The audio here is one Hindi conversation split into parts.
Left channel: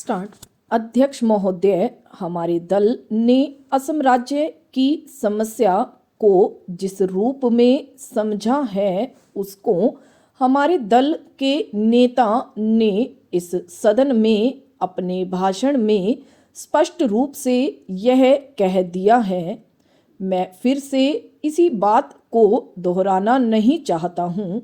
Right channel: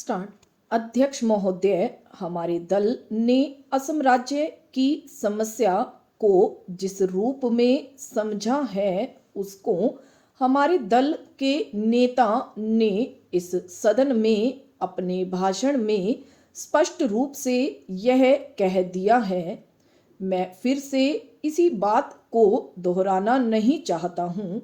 स्टार्ट। अध्यक्ष महोदय, हमारे दल ने असम राज्य की समस्या को जिस रूप में समझा है उसको हमारे दल के नेता ने इस सदन में अपने भाषण में स्पष्ट रूप से यह कह दिया है। मैं फिर से इसी बात को दोहराना नहीं चाहता हूँ।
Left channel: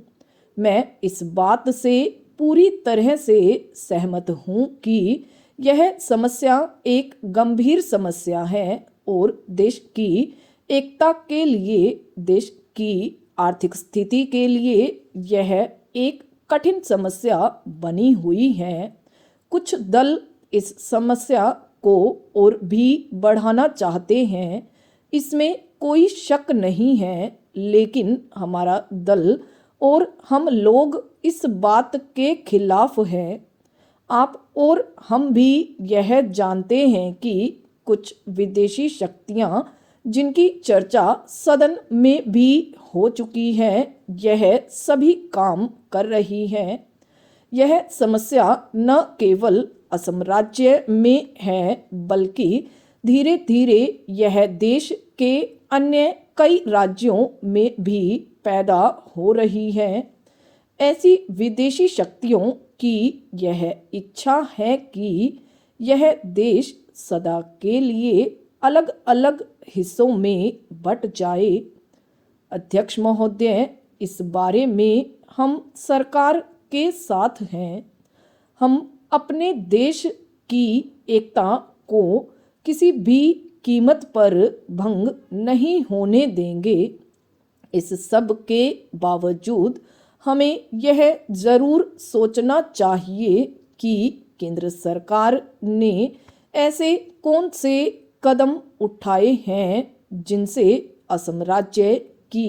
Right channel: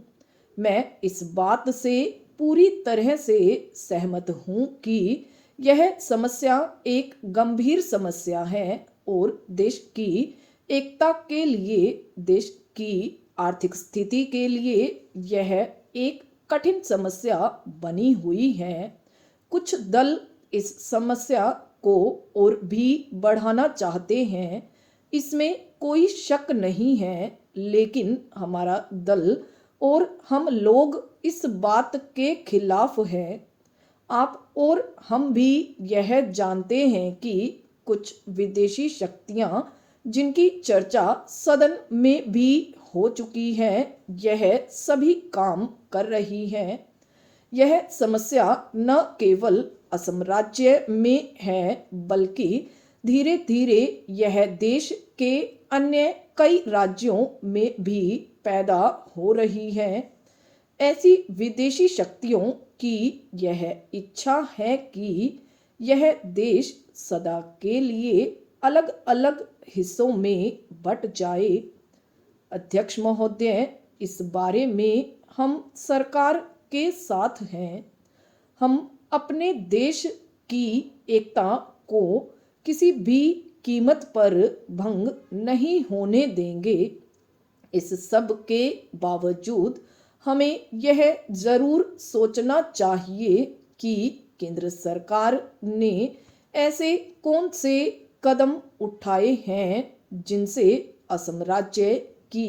मैं इस बात से पूरी तरह से सहमत हूँ कि यह समस्या एक गंभीर समस्या है और देश की एकता के लिए, देश की आर्थिक स्थिति के लिए यह एक कठिन समस्या बनी हुई है। कुछ दल इस समस्या को और भी बढ़ाना चाहते हैं, इसमें कोई शक नहीं है, लेकिन हमारा दल और हम लोग इस बात के खिलाफ हैं। आप और हम भी यह जानते हैं कि कुछ विदेशी शक्तियां, जिनकी चर्चा सदन में भी हो चुकी है, यह सभी काम कर रही है। यह समस्या न केवल असम राज्य में है, बल्कि धीरे धीरे यह देश के अन्य कई राज्यों में भी पैदा हो रही है। ऐसी विदेशी शक्तियों की यह इच्छा है कि यह देश सदा के लिए अलग अलग हिस्सों में बट जाए। अध्यक्ष महोदय, इस बारे में हम सरकार के साथ हैं। हम अपने देश की एकता को किसी भी कीमत पर भंग नहीं होने देंगे। इस सब के बावजूद हमें यह जरूर सोचना चाहिए कि केंद्र सरकार ने ऐसे कौन से कदम उठाए हैं जिनसे असम राज्य की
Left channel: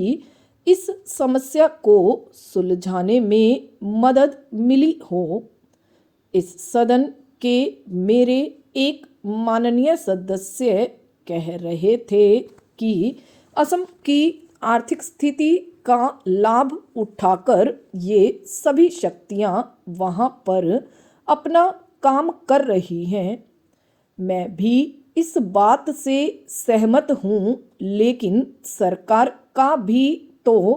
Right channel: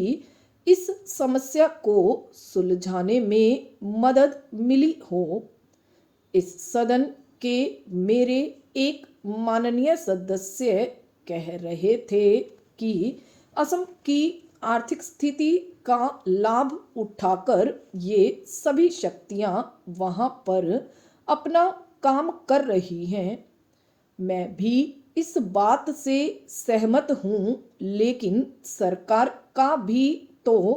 इस समस्या को सुलझाने में मदद मिली हो। इस सदन के मेरे एक माननीय सदस्य कह रहे थे कि असम की आर्थिक स्थिति का लाभ उठाकर ये सभी शक्तियां वहां पर अपना काम कर रही हैं। मैं भी इस बात से सहमत हूँ, लेकिन सरकार का भी तो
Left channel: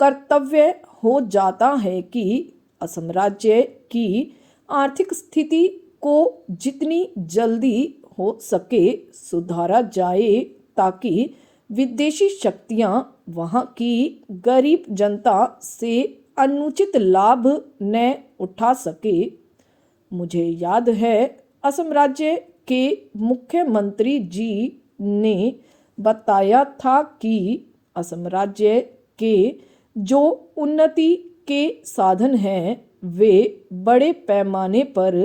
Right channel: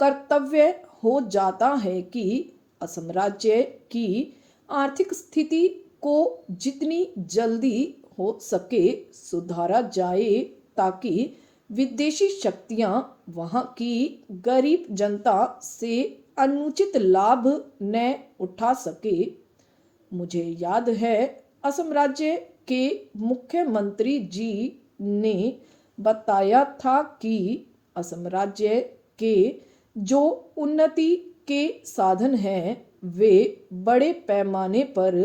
कर्तव्य हो जाता है कि असम राज्य की आर्थिक स्थिति को जितनी जल्दी हो सके सुधारा जाए, ताकि विदेशी शक्तियां वहां की गरीब जनता से अनुचित लाभ न उठा सके। मुझे याद है, असम राज्य के मुख्यमंत्री जी ने बताया था कि असम राज्य के जो उन्नति के साधन हैं वे बड़े पैमाने पर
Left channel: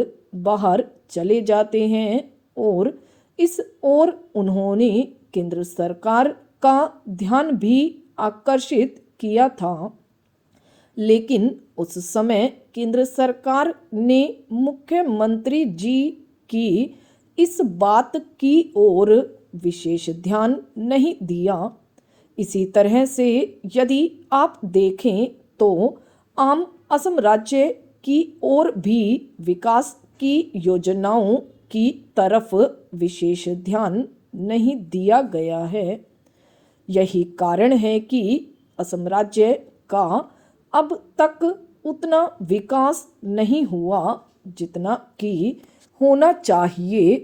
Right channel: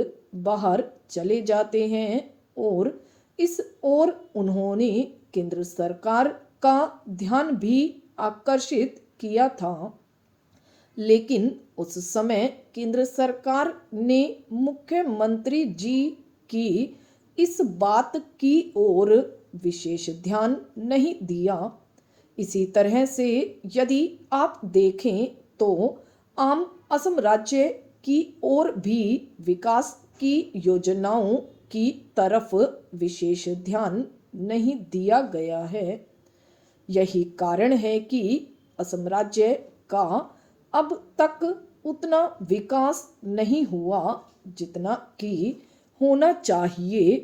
बाहर चले जाते हैं और इस ओर उन्होंने केंद्र सरकार का ध्यान भी आकर्षित किया था। लेकिन उस समय केंद्र सरकार ने मुख्यमंत्री जी की इस बात की ओर विशेष ध्यान नहीं दिया। इसी तरह से यदि आप देखें तो आम असम राज्य की ओर भी विकास की योजनाओं की तरफ विशेष ध्यान नहीं दिया गया है। यही कारण है कि असम राज्य का अब तक उतना विकास नहीं हुआ जितना कि होना चाहिए।